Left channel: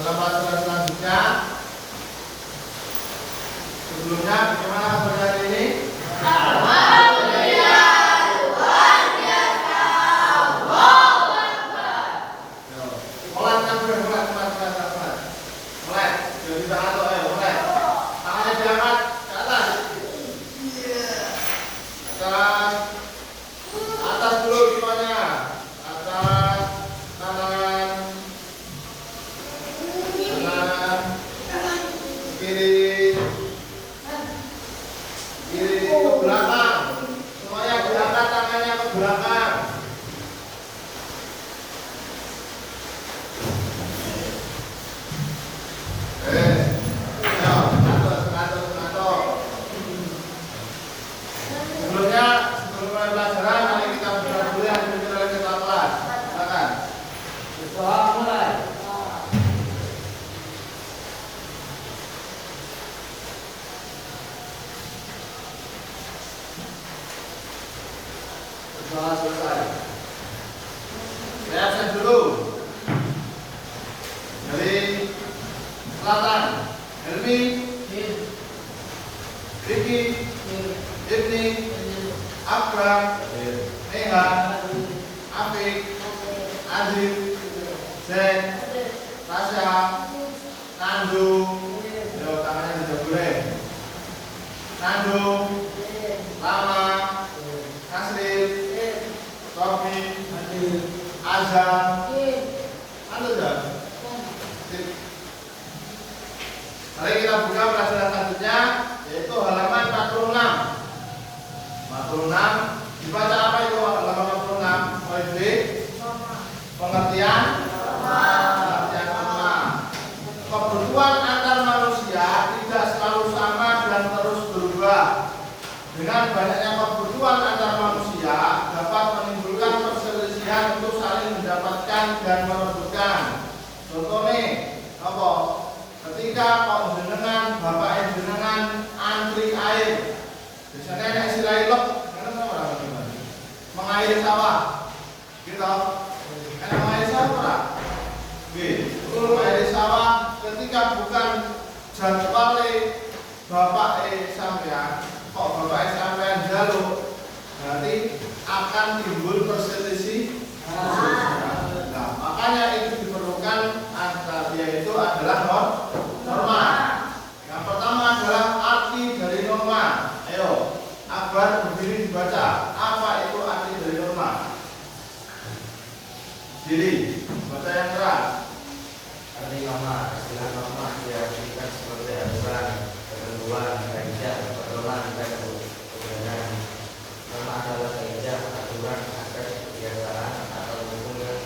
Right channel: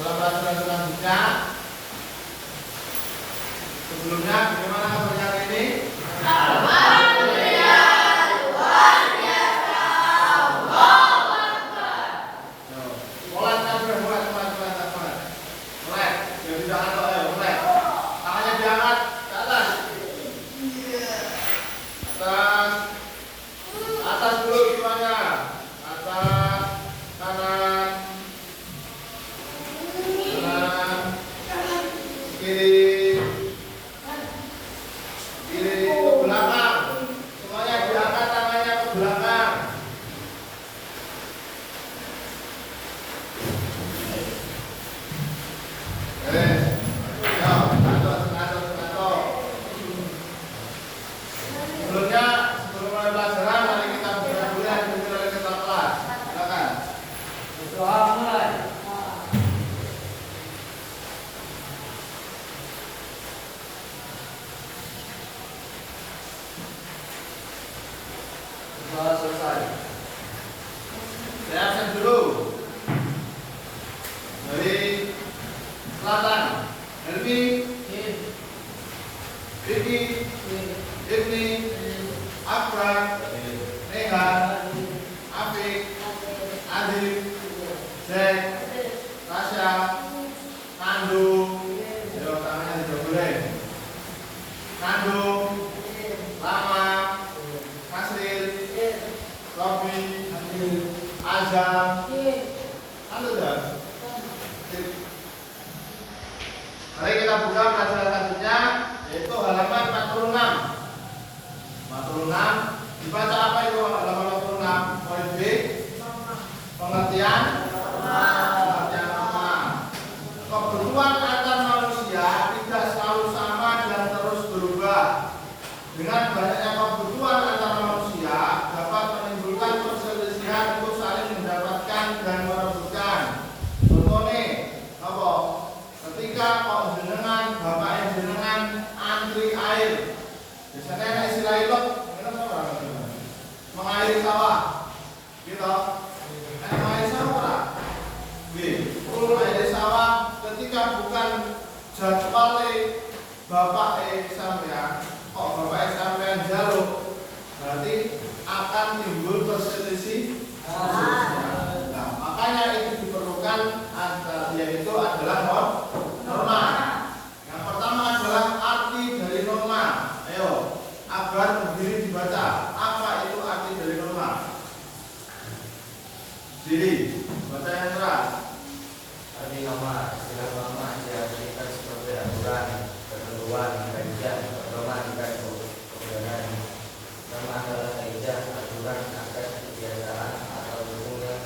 dalam pelajaran selanjutnya. Sebelumnya, bagaimana kabar hari ini? Alhamdulillah, luar biasa. Allahu Akbar. Mulai kan mulai. Jadi jangan mulai. Tangannya diangkat ke atas. Atas dulu semuanya. Atas, kanan, kiri ke belakang. Semuanya diangkat tangannya ke belakang. Sebelum mulai pelajaran, mari kita berdoa dulu yang dipimpin oleh ketua kelas. Silakan. Doa mulai. Doa selesai. Saya absen dulu. Dari selatan, Helmi, Riki, Ibni, Akbar, Neha, Afik, Adib, Zain, Tasya, Nandu, yo tangannya dijogolin. Nandu, Lama, Nasril, Robi, Azhar, Nandu dah. Mari kita buka pelajaran selanjutnya, yaitu halaman 46. 46 dibaca apa itu halaman 46? Oleh B. Pengertian nama. Kebutuhan antar manusia tidak selalu sama dan terus berubah. Dengan banyaknya kebutuhan antar manusia dapat menimbulkan perselisihan untuk saling mendapatkan dan merebutkan. Contoh nih, apa? Ketika kok jenengan, bapak jenengan antri air, biasanya ada istilah ilok, mengairi sawah, gitu. Mengairi sawah, gitu. Mengairi sawah ketika bukan jadwalnya bapak sampean, kok bapak sampean jaluk, berarti akan timbul perselisih. Nah, makanya itu diperlukan yaitu adalah norma. Yang pertama adalah arti dari norma. Ayo, Akbar berdiri dibaca. Apa itu arti dari norma? Diri, baca yang keras. Arti norma, istilah norma diartikan sebagai aturan, ketentuan, kaidah, pedoman, dan kebenaran. Norma adalah kaidah, aturan, adat, kebiasaan atau hukum yang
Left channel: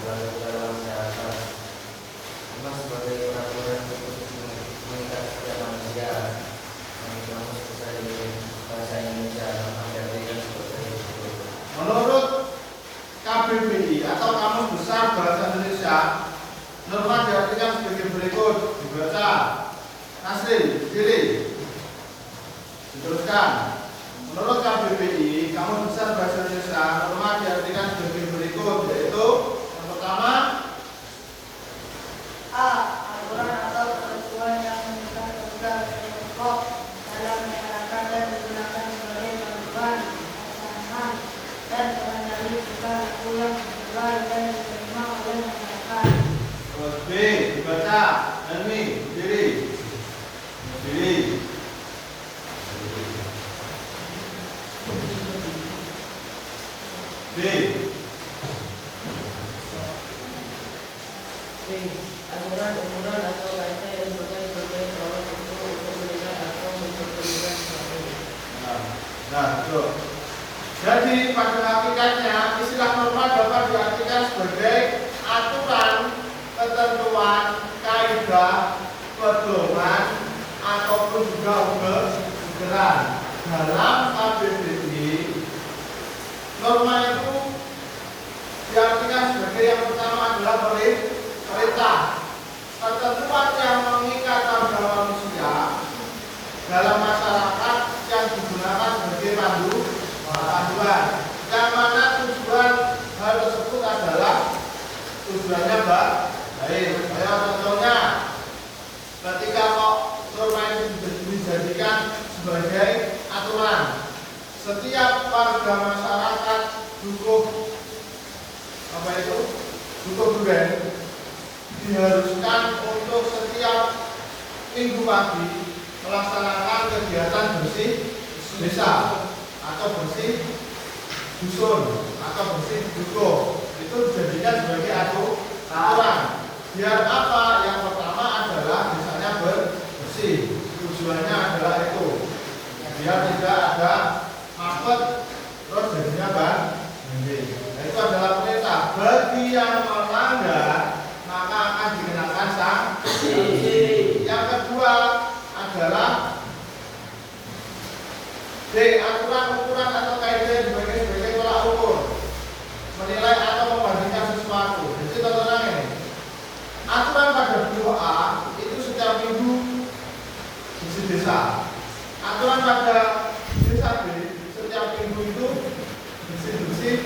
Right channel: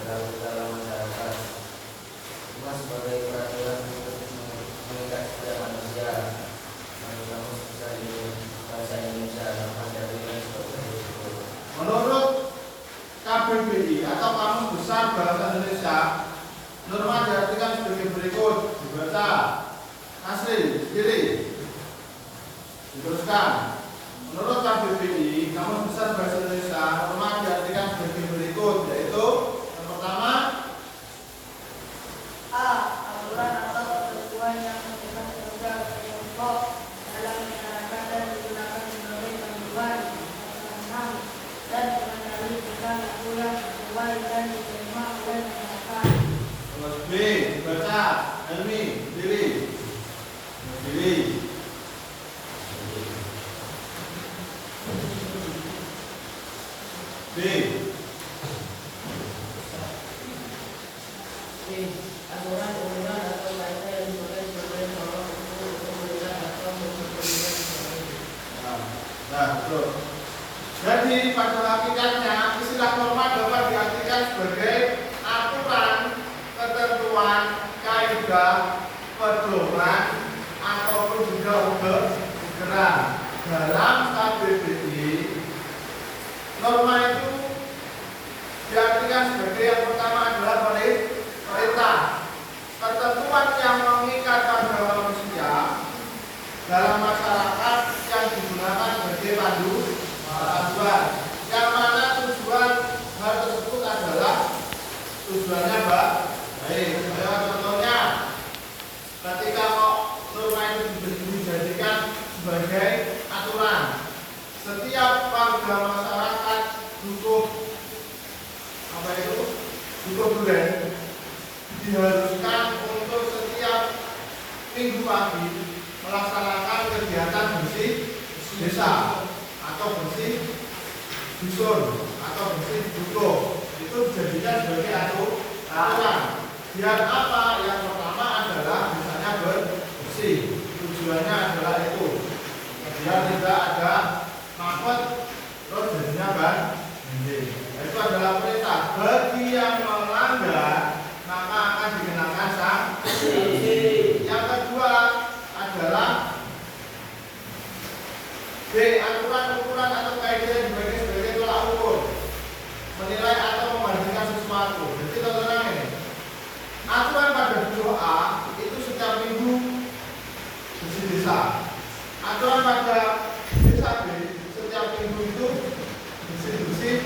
berlaku dalam masyarakat. Norma sebagai peraturan untuk mengikat setiap manusia. Norma bisa di bahasa Indonesia norma diartikan sebagai berikut. Menurut KBBI atau Kamus Besar Bahasa Indonesia, norma diartikan sebagai berikut. Dibaca. Nasri, diri. Diteruskan. Menurut KBBI, Kamus Besar Bahasa Indonesia, norma diartikan sebagai berikut, yaitu yang pertama, A. Aturan atau ketentuan yang memberikan kemudahan bagi kelompok dalam menjalankan dan menggunakan sebagai panduan, pelaksanaan, dan pengendali tingkah laku yang sesuai dan diterima oleh masyarakat. terus B, dibaca. Helmi, diri. Diri. B. Aturan atau kaidah yang berkaitan dengan orang untuk kemudian atau memperkenalkan Nah, betul. Jadi pada hakikatnya istilah norma dapat diartikan sebagai aturan, ketentuan, kaidah, pedoman, ataupun juga ukuran. Dalam KBBI, norma itu diartikan sebagai yang pertama adalah perintah, ketentuan yang mengikat pada manusia dalam masyarakat yang digunakan sebagai panduan. Yang mana tujuan hal tersebut adalah tujuannya baik. Ayo contohnya warga masyarakat Dukuh apa itu? Dukuh Duren diharuskan untuk setiap minggu pagi melaksanakan kegiatan bersih desa atau bersih dusun atau bersih dukuh. Itu dijadikan sebagai aturan. Biar apa? Yang pertama adalah misalnya bersih. Tujuannya adalah itu. Biar tidak ada mampet terus jadinya kan. Itu adalah perintah. Bagi yang melanggar maka akan dikenakan sanksi. Yang kedua adalah D. Aturan ukuran atau kaidah dibagi sebagai tolak ukur, menilai atau membandingkan sesuatu. Jadi contohnya ini, aturan pada buku A itu setiap minggu bersih desa. Aturan pada desa B setiap minggu itu bersih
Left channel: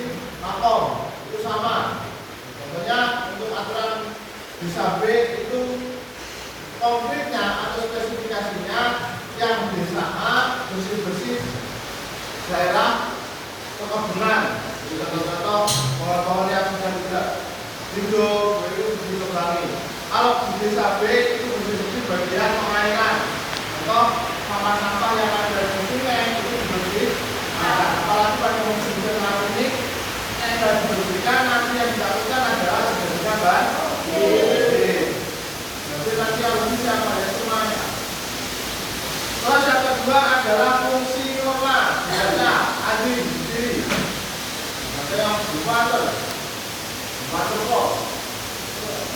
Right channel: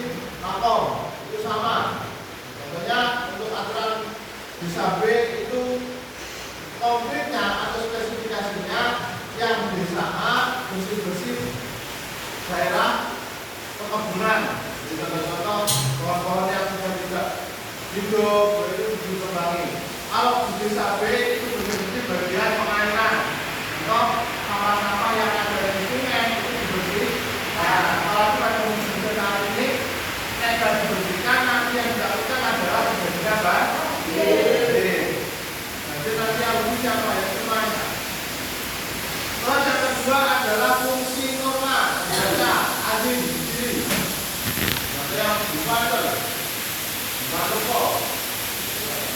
lapor. Itu sama. Contohnya untuk aturan desa B itu konkretnya atau spesifikasinya yang desa A bersih daerah perkebunan, contoh-contoh pohon-pohon yang sudah tidak hidup itu ditebangi. Kalau di desa B itu bersih bagian pengairan, contoh sampah-sampah yang ada di sungai itu dibersih. Apalagi pada musim hujan ini yang sudah dibersihkan, nanti yang dilakukan adalah dijadikan banjir. Jadi nanti harus siapa yang semuanya. Terus yang kedua adalah fungsi norma. Biasanya adil sendiri. Ada yang dipater kok.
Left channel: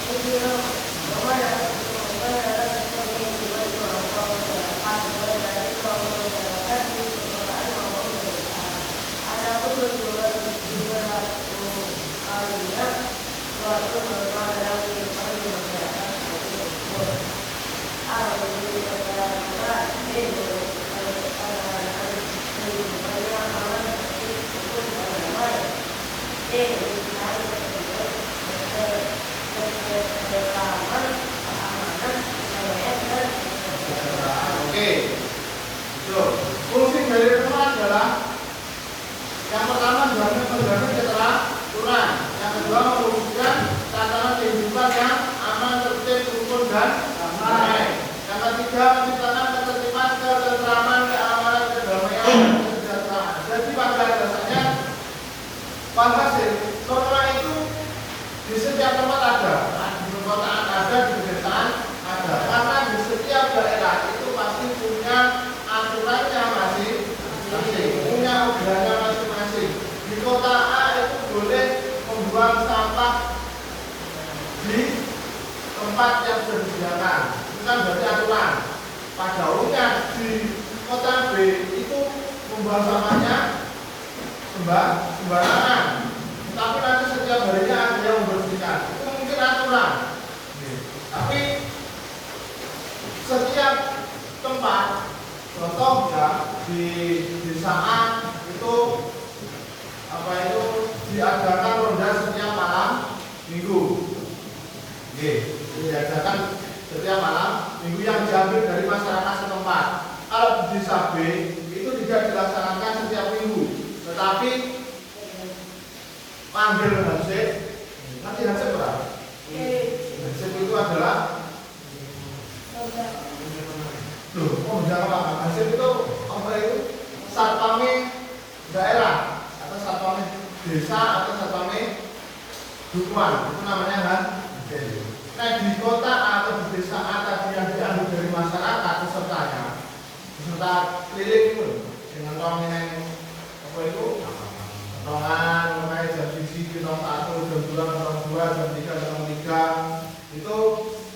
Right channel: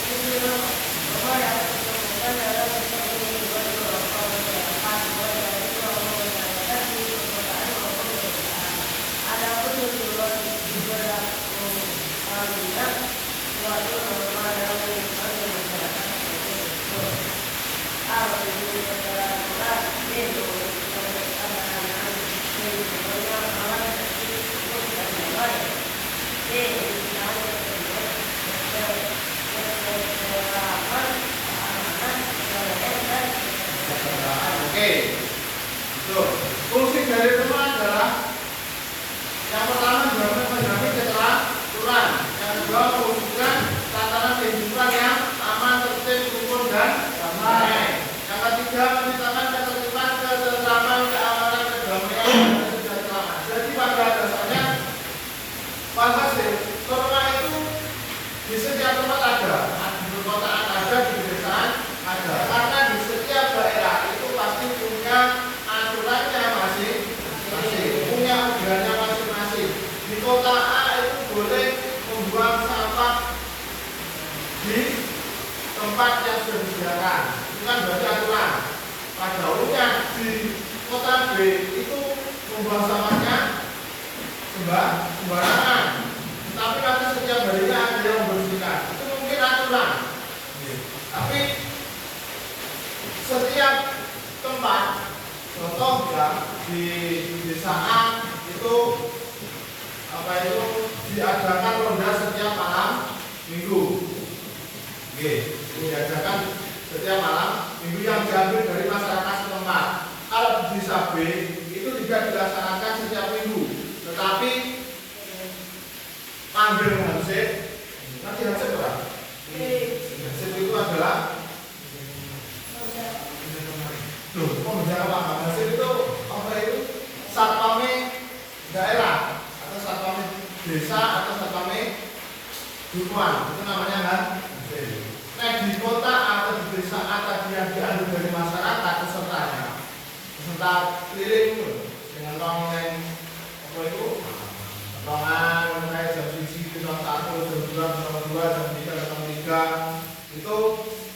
Fungsi norma yang ditemukan adalah seperti yang dibuat oleh kelompok masyarakat, mulai dari kelompok masyarakat di perkotaan maupun pedesaan. Adapun tujuan berlaku kalinya suatu norma dalam kehidupan di masyarakat sebagai berikut. A. Bagi negara itu keadaan kehidupannya aman, tertib, rukun, dan damai. D. Harus terlibat keselamatan, keamanan, kelalaian, dan kesejahteraan. Oke, itu fungsi dari rumah adalah yang pertama menjamin keteraturan, yang kedua mewujudkan tatanan kehidupan yang aman, tertib, rukun, dan damai. Yang ketiga menciptakan ketertiban, ketentraman, keamanan, kedamaian, dan kesejahteraan. Jadi pada dasarnya fantasi norma itu di setiap tempat ada, di perkotaan ada, di pedesaan ada. Karena di setiap daerah itu pasti punya aturannya masing-masing, punya aturannya masing-masing. Di kota A itu boleh membuang sampah di tempat yang sudah disediakan. Kan berarti aturan. Pada umumnya di kota B itu membuang sampahnya sembarangan. Tapi nanti setiap harinya ada yang membersihkan. Itu mungkin aturan. Tapi setiap tempat, contoh ya di desa A itu diadakan ronda setiap malam minggu. Diadakan setiap malam minggu yang diambil dari masyarakat setempat. Kalau di desa B itu tidak dilaksanakan setiap minggu, tetapi panggil hansip. Nanti hansip berapa? Hansip itu adalah hansip itu apa itu? Satpame daerah atau satpame desa atau satpame dukuhan, itu namanya hansip. Nah di kota atau di desa tadi yang diambil dari masyarakat peserta keliling pun dengan rongen apa itu rongan mulai jam 7, jam 1, jam 2, jam 2, jam 3, jam 3 itu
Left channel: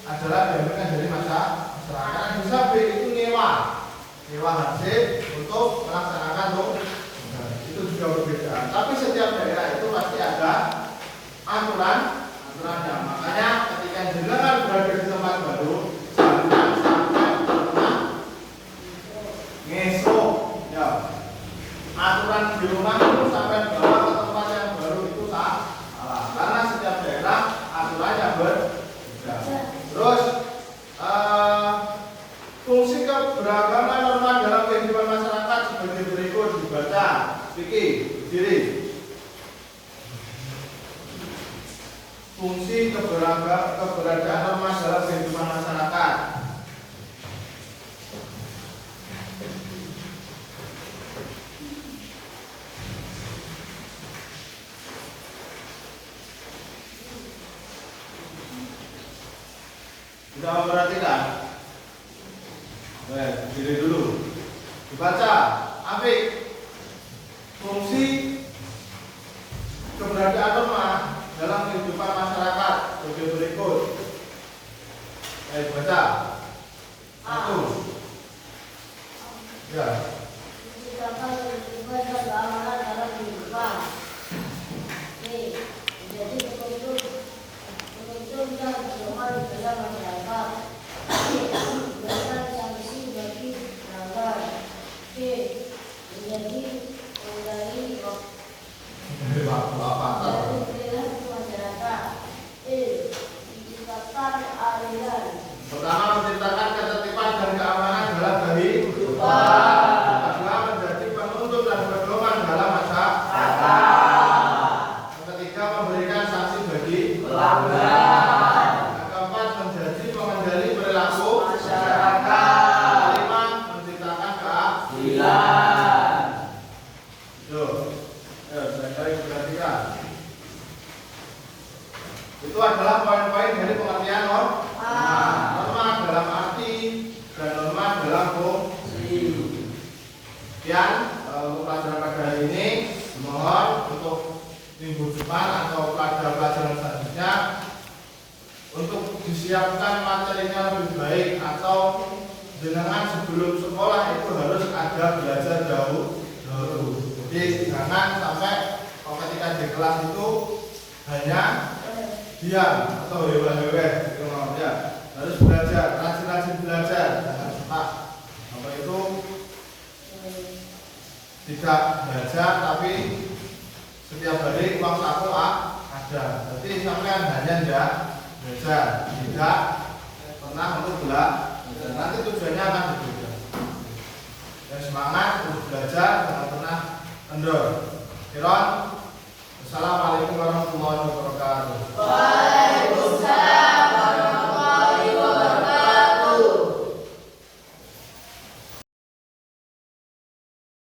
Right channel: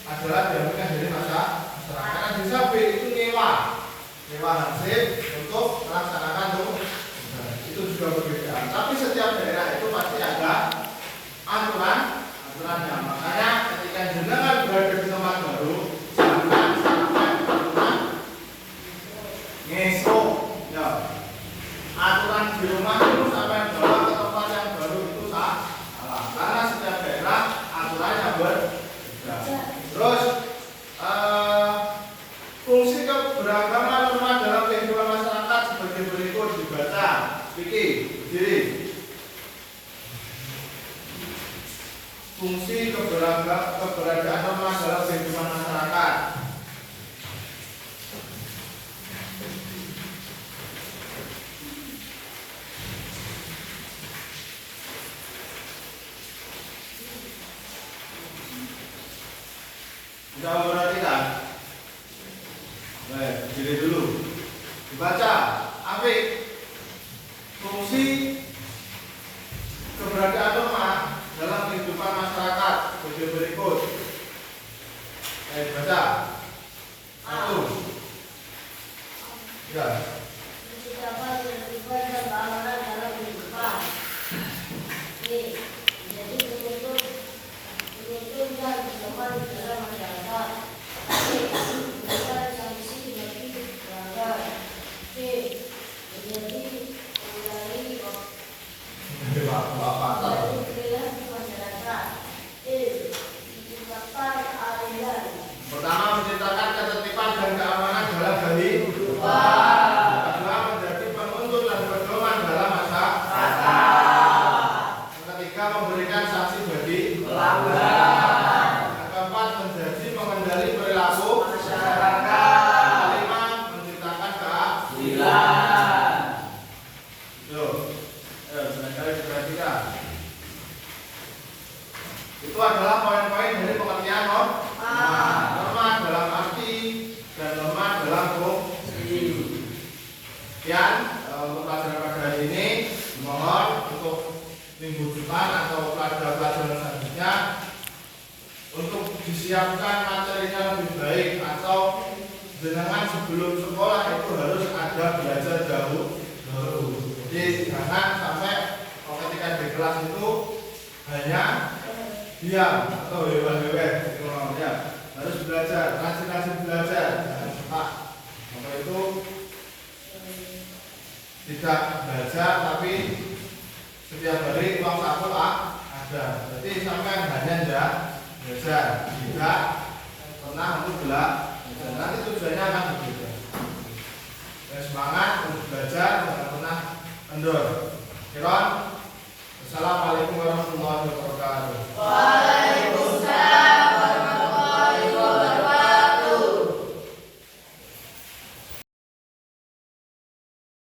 adalah diambilkan dari masyarakat. Desa B itu nyewa hansip untuk melaksanakan itu juga berbeda. Tapi setiap daerah itu pasti ada aturannya. Makanya ketika jenengan berada di tempat baru, jangan sampai pernah ngesok ya. Aturan di rumah itu sampai bawa ke tempat yang baru itu salah. Karena setiap daerah aturannya berbeda. Terus fungsi keberagaman norma dalam kehidupan masyarakat sebagai berikut dibaca. Fikih. Bisa memperhatikan. Baik, diri dulu. Dibaca. Apik. Fungsi keberadaan lemah dalam kehidupan masyarakat sebagai berikut. Baik, baca. Satu. Ya. Menciptakan kehidupan dan keamanan dalam kehidupan. B. Menjadi penuntut dan pedoman di dalam masyarakat. C. Memberikan sanksi bagi pelanggar. C. Menjadi pengendali perilaku masyarakat. E. Menciptakan aliran. Pertama, menciptakan ketertiban dan keamanan dalam kehidupan. Kedua, menjadi penuntut dan pedoman dalam masyarakat. Yang ketiga, memberikan sanksi bagi pelanggar. Yang keempat, menjadi pengendali perilaku masyarakat. Kelima, menciptakan keadilan. Tuh, sekali perhatikan. Itu adalah poin-poin dari pengertian norma dalam arti dan norma dalam fungsi. Sekian untuk pelajaran pada hari ini. Mohon untuk minggu depan atau pelajaran selanjutnya untuk disiapkan materinya lebih baik, atau jenengan sebelum sekolah itu harus ada belajar dahulu. Jadi jangan sampai kalau ketika di kelas itu hanya diam atau hewan-hewan gitu, ya. Harus belajar, rajin-rajin belajar, jangan suka apa itu tidak belajar tapi setiap hari uang saku ada. Berarti sampai hanya belajar, tidak pernah untuk belajar. Nanti tujuannya akan berbeda. Dan semangat untuk belajar, jangan pernah kendor. Kiron. Assalamualaikum warahmatullahi wabarakatuh.